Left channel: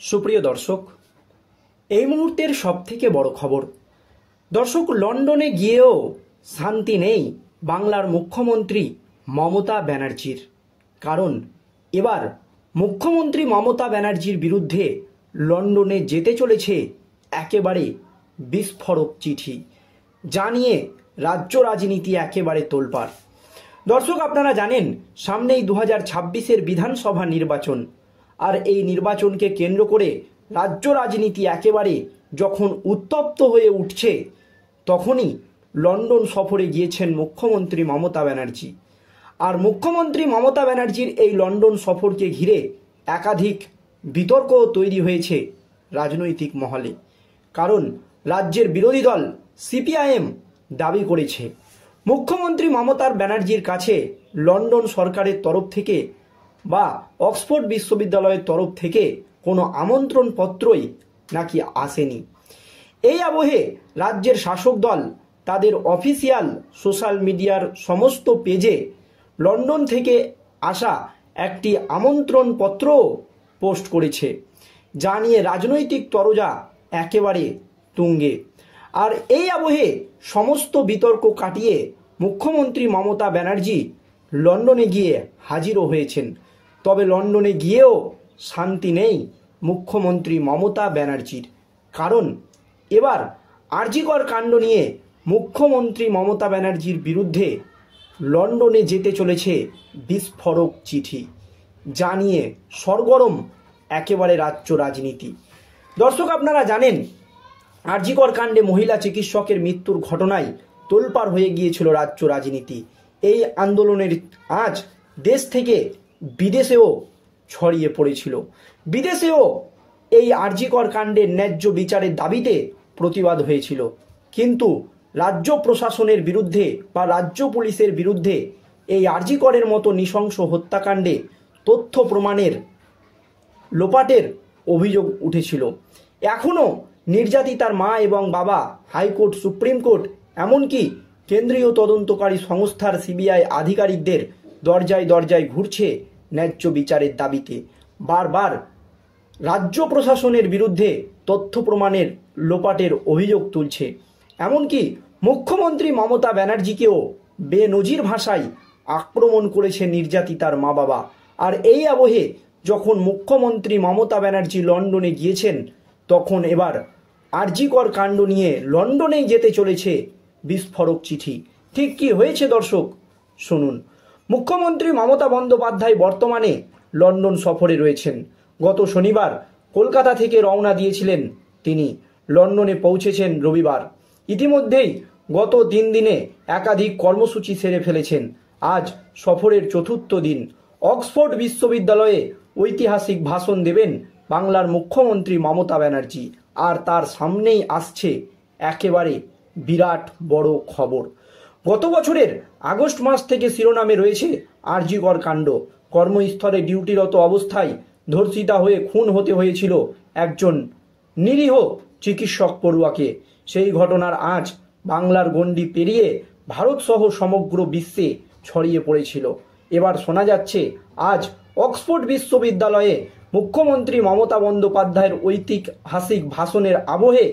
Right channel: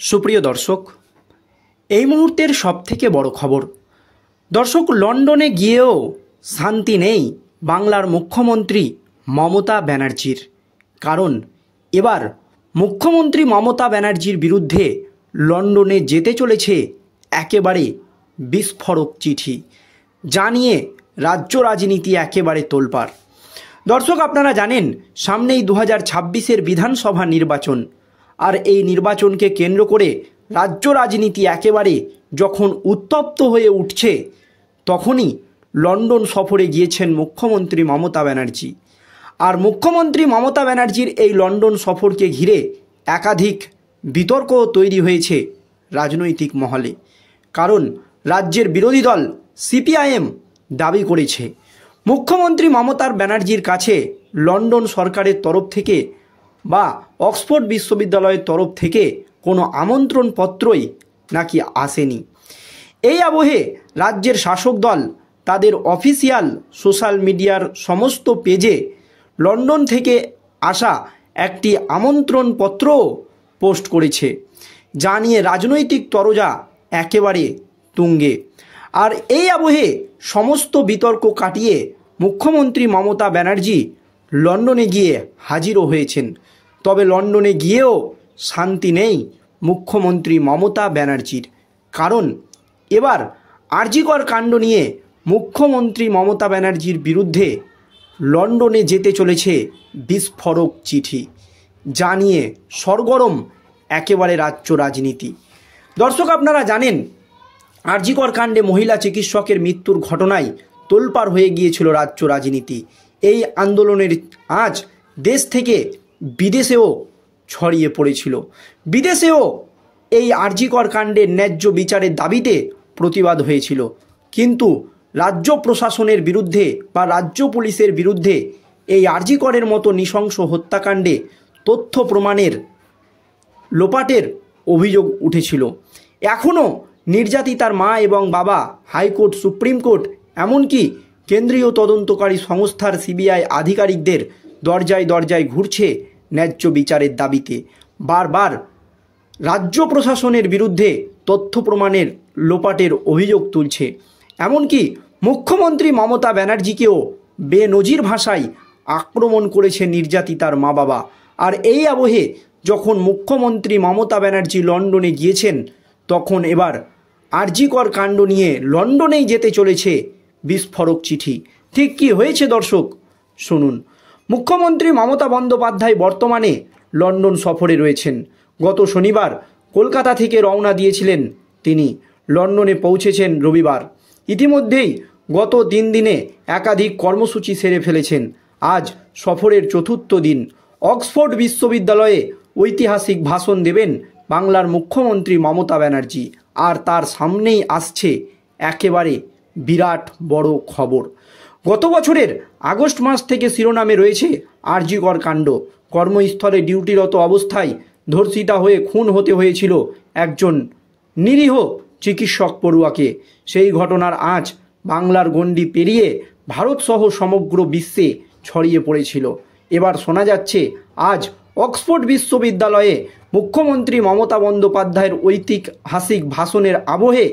সুপ্রিয় দর্শক, এই মুহূর্তের সবথেকে বড় খবর। দর্শক, লন্ডনে গিয়েও শান্তি নেই বাংলার মুখ্যমন্ত্রী মমতা ব্যানার্জির। কারণ এবার মুখ্যমন্ত্রী মমতা ব্যানার্জির বিরুদ্ধে লন্ডনে যেতে চলেছে একেবারে বিস্ফোরক চিঠি, যা নিয়ে রাজ্য রাজনীতি একেবারে তোলপাড়। দর্শক, আপনারা জানেন সামনেই 2026-এর বিধানসভা নির্বাচন, আর এই নির্বাচনকে কেন্দ্র করে রাজ্য রাজনীতি একেবারে যখন উত্তপ্ত হয়ে উঠছে, তখনই লন্ডন সফরে গিয়েছেন মুখ্যমন্ত্রী মমতা ব্যানার্জি। আর মুখ্যমন্ত্রী মমতা ব্যানার্জির এই লন্ডন সফরকে ঘিরে একাধিক বিতর্কও তৈরি হয়েছে রাজনৈতিক মহলে। কারণ রাজ্যের বিরোধী দল সিপিআইএম দাবি করেছে মুখ্যমন্ত্রী মমতা ব্যানার্জির কাছে লন্ডন সরকারের তরফ থেকে বা অক্সফোর্ড বিশ্ববিদ্যালয়ের তরফ থেকে কোনো আমন্ত্রণপত্রই নাকি আসেনি। এই আবহে রাজ্যের শাসক দল তাদের অফিসিয়াল সোশ্যাল মিডিয়ার সমস্ত পেজে লন্ডন থেকে আসা একটি আমন্ত্রণপত্রও পোস্ট করেছে, যা নিয়ে রাজনৈতিক তরজা একেবারে তুঙ্গে। আর এই আবহে সমস্ত বিতর্ক কাটিয়ে মুখ্যমন্ত্রী মমতা ব্যানার্জি লন্ডনে গিয়ে হাজিরও হয়েছেন। তবে লন্ডনে গিয়েও শান্তি নেই মুখ্যমন্ত্রী মমতা ব্যানার্জির। কারণ এবার আরজিকর কাণ্ড নিয়ে মুখ্যমন্ত্রী মমতা ব্যানার্জির বিরুদ্ধে লন্ডনে যেতে চলেছে বিস্ফোরক চিঠি, যা নিয়ে সরগরম একেবারে রাজ্য রাজনীতি। দর্শক, আপনারা জানেন আরজিকর কাণ্ডে মহিলা চিকিৎসকের মৃত্যুর ঘটনায় তোলপাড় হয়ে গিয়েছিল রাজ্য রাজনীতি। এই আন্দোলনের আঁচ দেশ থেকে বিদেশেও ছড়িয়ে পড়েছিল। বিদেশেও এই আরজিকর কাণ্ডের ন্যায্য বিচারের দাবিতে প্রতিবাদ হয়েছিল। কিন্তু রাজ্য প্রশাসনের বিরুদ্ধে বা রাজ্য পুলিশের বিরুদ্ধে এই আরজিকরের মতো নৃশংস হত্যাকাণ্ডে তথ্য প্রমাণের লোপাটের অভিযোগ উঠেছিল। এখনও নির্যাতিতার মা এবং বাবা হাইকোর্ট, সুপ্রিম কোর্ট, এমনকি কেন্দ্রীয় তদন্তকারী সংস্থার সিবিআই আধিকারিকদের দরজায় দরজায় ঘুরছে ন্যায্য বিচারের দাবিতে। বারবার রাজ্য প্রশাসনের বিরুদ্ধে তথ্য প্রমাণের লোপাটের অভিযোগ তুলছে। এমনকি মুখ্যমন্ত্রী মমতা ব্যানার্জিকেও বেনজির ভাষায় আক্রমণ করেছে নির্যাতিতার মা বাবা। আর এই আবহে যখন মুখ্যমন্ত্রী মমতা ব্যানার্জি লন্ডনে গিয়েছেন, তখন এবার আরজিকর কাণ্ড নিয়ে লন্ডনেই যেতে চলেছে বিস্ফোরক চিঠি। ঠিক কি হয়েছে দর্শক, শুনুন। মুখ্যমন্ত্রী মমতা বন্দ্যোপাধ্যায় বর্তমানে লন্ডন সফরে রয়েছেন। গত শনিবার কলকাতা থেকে রওনা দিয়েছিলেন তিনি। লন্ডনে পৌঁছেছেন রবিবার। ইতিমধ্যেই গত 3 দিনে একাধিক কর্মসূচি সেরে ফেলেছেন। আজ সফরের 4র্থ দিন। অক্সফোর্ড বিশ্ববিদ্যালয়ে ঐতিহাসিক ভাষণ দেবেন বাংলার মুখ্যমন্ত্রী মমতা ব্যানার্জি। আর তার সামনেই আসছে একেবারে বিরাট বড় খবর। গত বছরের আগস্ট মাস থেকে শিরোনামে রয়েছে আরজিকর কাণ্ড। কর্মস্থলে ডিউটিরত অবস্থায় ধর্ষিতা হয়ে খুন হতে হয়েছিল একজন নিরীহ চিকিৎসক পড়ুয়াকে। সেই ঘটনার আঁচ বাংলার গণ্ডি পেরিয়ে ভারতসহ সমগ্র বিশ্বে ছড়িয়ে পড়েছিল। এবার শোনা যাচ্ছে আজ অক্সফোর্ড বিশ্ববিদ্যালয়ে মুখ্যমন্ত্রী মমতা বন্দ্যোপাধ্যায়ের ঐতিহাসিক ভাষণের আবহে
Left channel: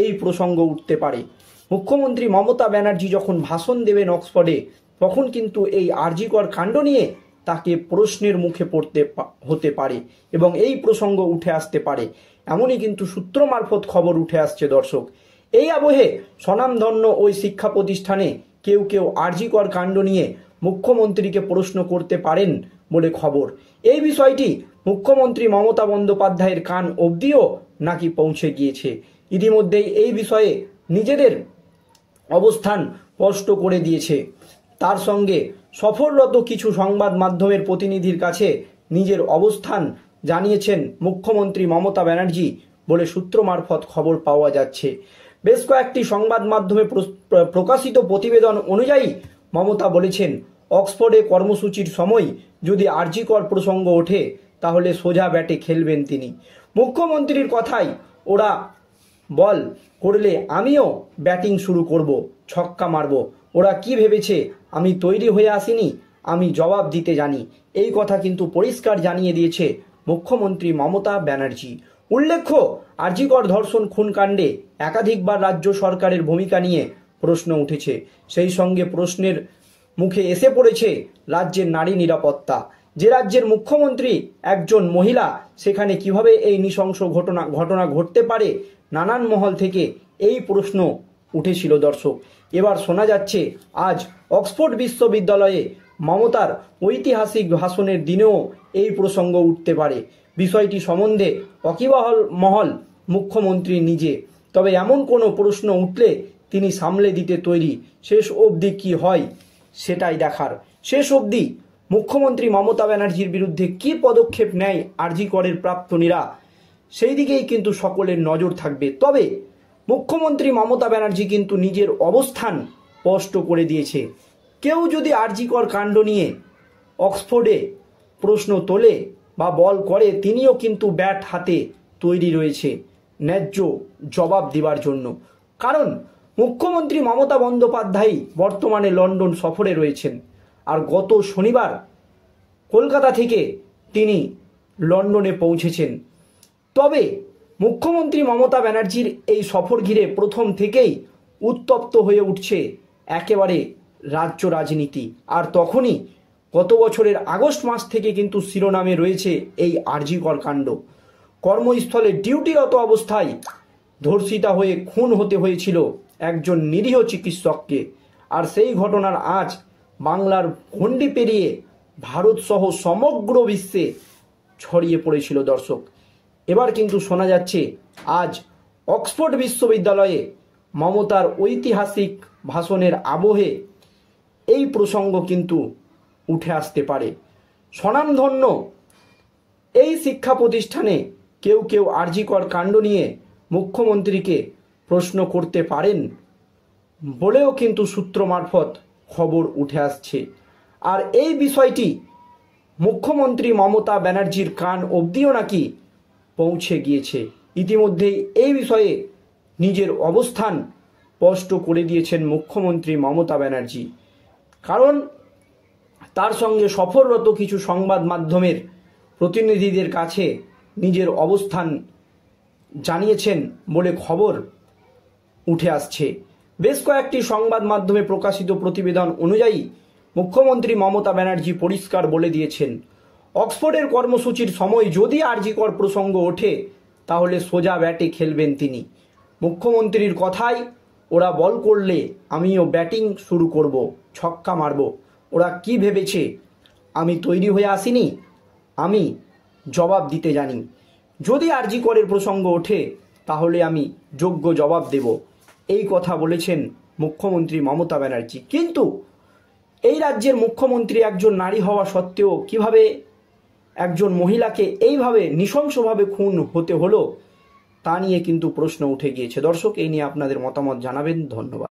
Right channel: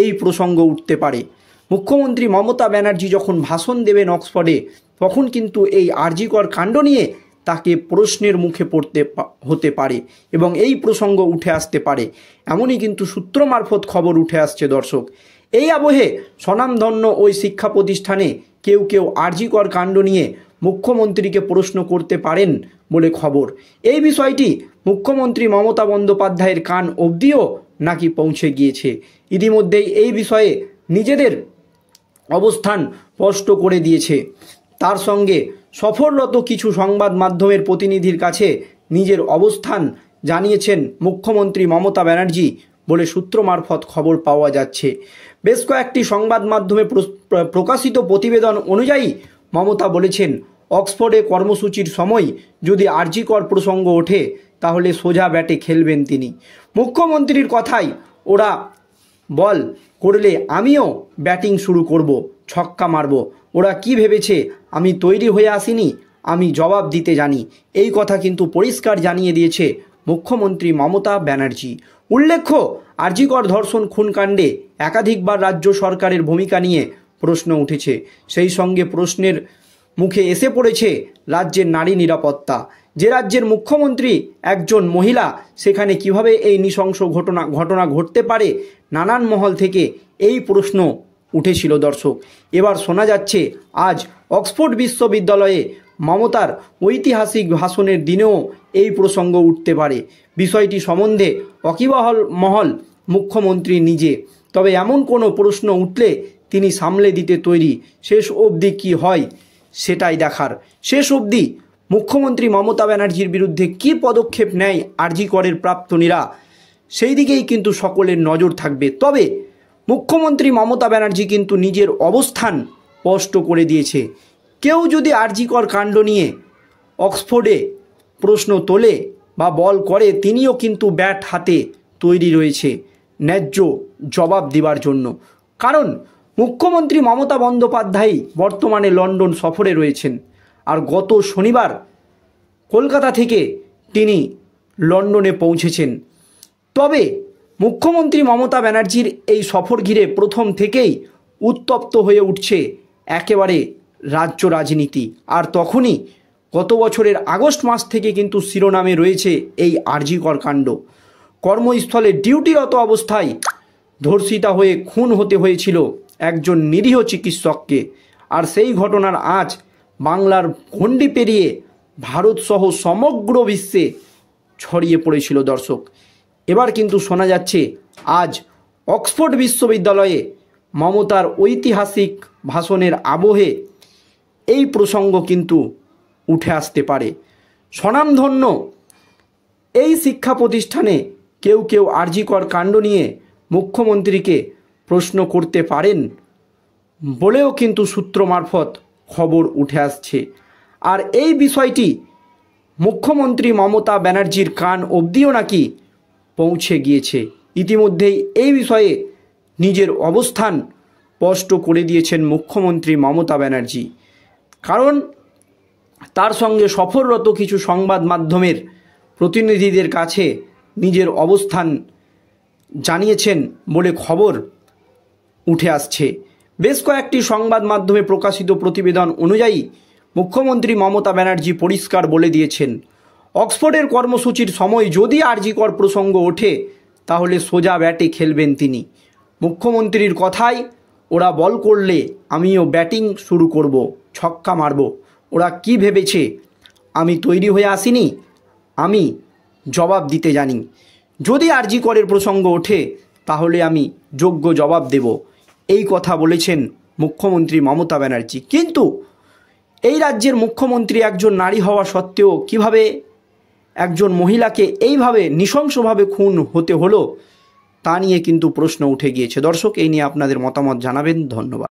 এই প্রসঙ্গ উঠতে পারে। মুখ্যমন্ত্রী মমতা ব্যানার্জি যখন ভাষণ দেবেন অক্সফোর্ডে, তখন কিন্তু এই আরজিকর কাণ্ড নিয়ে তাকে প্রশ্নের মুখে পড়তে হতে পারে এবং এই প্রসঙ্গ উঠে আসতে পারে। এমনই কিন্তু সূত্র মারফত খবর উঠে আসছে দর্শক। এই আবহে স্বনামধন্য ওই শিক্ষা প্রতিষ্ঠানে কেউ কেউ আরজিকর কাণ্ড নিয়ে মুখ্যমন্ত্রীকে প্রশ্ন করতে পারেন বলে খবর। এই বিষয়টি মুখ্যমন্ত্রী মমতা বন্দ্যোপাধ্যায়ের কান অবধিও নাকি পৌঁছে গিয়েছে। ইতিমধ্যেই এই বিষয়ে নিজেদের অবস্থান স্পষ্ট করে দিয়েছে। তার সঙ্গে সফররত কিছু সংবাদ মাধ্যমের প্রতিনিধির কাছে নিজের অবস্থান জানিয়েছেন মুখ্যমন্ত্রী মমতা ব্যানার্জি বলে সূত্র মারফত খবর পাওয়া যাচ্ছে। বেশ কয়েকটি সংবাদ মাধ্যমে প্রকাশিত প্রতিবেদন অনুযায়ী মমতা বলেছেন, অক্সফোর্ডে কর্মসূচির সময় যদি আরজিকর প্রসঙ্গ ওঠে তাহলে সোজা ব্যাটে খেলবেন তিনি। মুখ্যমন্ত্রীর কথাই ওরা বল করলে আমিও ব্যাটিং শুরু করব, ছক্কা মারব। ওরা কি ভেবেছে আমি তৈরি হয়ে আসিনি, আমি জবাব দিতে জানি। এই কথা কিন্তু পরিষ্কার জানিয়ে দিয়েছে মুখ্যমন্ত্রী মমতা ব্যানার্জি। উল্লেখ্য, আর.জি. কর ধর্ষণ খুন কাণ্ডে একাধিকবার রাজ্য সরকারের ভূমিকা নিয়ে প্রশ্ন উঠেছে। সেই সঙ্গে প্রশ্নের মুখে এসে পড়েছে রাজ্যের নারী নিরাপত্তা। যে রাজ্যের মুখ্যমন্ত্রী একজন মহিলা, সেখানে কিভাবে এই নৃশংস ঘটনা ঘটতে পারে, নানান মহল থেকে এই প্রশ্ন উঠেছিল দর্শক। এবার শোনা যাচ্ছে আজ অক্সফোর্ড বিশ্ববিদ্যালয়ে মমতার ঐতিহাসিক ভাষণের দিনেও এই প্রসঙ্গ উঠতে পারে। বিষয়টি সম্বন্ধে ওয়াকিবহাল মহল, মুখ্যমন্ত্রী নিজে। তবে এমন কোনো প্রশ্ন উঠলে তিনি সামলে দিতে তৈরি। শেষ অবধি কি হয় সেটাই দেখার। শেষ অবধি মুখ্যমন্ত্রী মমতা ব্যানার্জির বিরুদ্ধে কী পদক্ষেপ নেয় আর.জি. করের প্রাক্তনীরা, সেই দিকেই কিন্তু সকলের নজর থাকবে। তবে মুখ্যমন্ত্রী মমতা ব্যানার্জি কিন্তু নিজের অবস্থান স্পষ্ট করে দিয়েছে। কেউ যদি আর.জি. কর কাণ্ড নিয়ে অক্সফোর্ডে প্রশ্ন তোলে বা বল করে, তিনিও কিন্তু ব্যাট হাতে তৈরি রয়েছে ন্যায্য জবাব দেওয়ার জন্য। কারণ মুখ্যমন্ত্রী মমতা বন্দ্যোপাধ্যায় বর্তমানে লন্ডন সফরে রয়েছেন, আর গত শনিবার কলকাতা থেকে তিনি লন্ডনে পৌঁছেছেন। তবে মুখ্যমন্ত্রী মমতা ব্যানার্জির এই সফর ঘিরে প্রথম থেকেই উত্তপ্ত হয়ে উঠছে একেবারে রাজ্য রাজনীতি। আর তখনই গত বছরের আগস্ট মাস থেকে কিন্তু শিরোনামে রয়েছে এই আর.জি. কর কাণ্ড। কর্মস্থলে ডিউটিরত অবস্থায় ধর্ষিতা হয়ে খুন হতে হয়েছিল একজন নিরীহ চিকিৎসককে। আর সেই ঘটনার আঁচ বাংলার গণ্ডি পেরিয়ে ভারতসহ সমগ্র বিশ্বে ছড়িয়ে পড়েছিল দর্শক। এবার কিন্তু শোনা যাচ্ছে আজ অক্সফোর্ড বিশ্ববিদ্যালয়ে মমতার ঐতিহাসিক ভাষণের আবহে এই প্রসঙ্গ কিন্তু উঠে আসতে পারে। স্বনামধন্য এই শিক্ষা প্রতিষ্ঠানে কেউ কেউ আর.জি. কর কাণ্ড নিয়ে মুখ্যমন্ত্রীকে প্রশ্ন করতে পারেন বলেও কিন্তু সূত্র মারফত খবর উঠে আসছে। আর এই বিষয়টি মুখ্যমন্ত্রী মমতা ব্যানার্জির কান অবধিও নাকি পৌঁছে গিয়েছে। ইতিমধ্যেই এই বিষয়ে নিজের অবস্থান স্পষ্ট করে দিয়েছেন মুখ্যমন্ত্রী মমতা ব্যানার্জি। কারণ তার সঙ্গে সফররত কিছু সংবাদ মাধ্যমের প্রতিনিধিদের কাছে নিজের অবস্থান জানিয়েছেন বলে খবর উঠে আসছে। বেশ কয়েকটি সংবাদ মাধ্যমে প্রকাশিত প্রতিবেদন অনুযায়ী মুখ্যমন্ত্রী মমতা ব্যানার্জি পরিষ্কার বলে দিয়েছেন, অক্সফোর্ডের কর্মসূচির সময় যদি আর.জি. কর প্রসঙ্গ ওঠে তাহলে সোজা ব্যাটে খেলবেন তিনি। মুখ্যমন্ত্রীর কথায়, ওরা বল করলে আমিও ব্যাটিং শুরু করব, ছক্কা মারব। ওরা কি ভেবেছে আমি তৈরি হয়ে আসিনি? আমি জবাব দিতে জানি। যদি আর.জি. করের প্রসঙ্গ ওঠে তাহলে আমি যোগ্য জবাব দেব। এই কথা বলেছেন মুখ্যমন্ত্রী মমতা ব্যানার্জি। কিন্তু এই রাজ্যের মুখ্যমন্ত্রী একজন নারী হওয়া সত্ত্বেও কিভাবে একজন মহিলাকে এইভাবে নৃশংসভাবে খুন হতে হলো তা নিয়ে কিন্তু প্রশ্ন উঠে গিয়েছে। দর্শক, এই নিয়ে আপনাদের মতামত জানাবেন। ধন্যবাদ।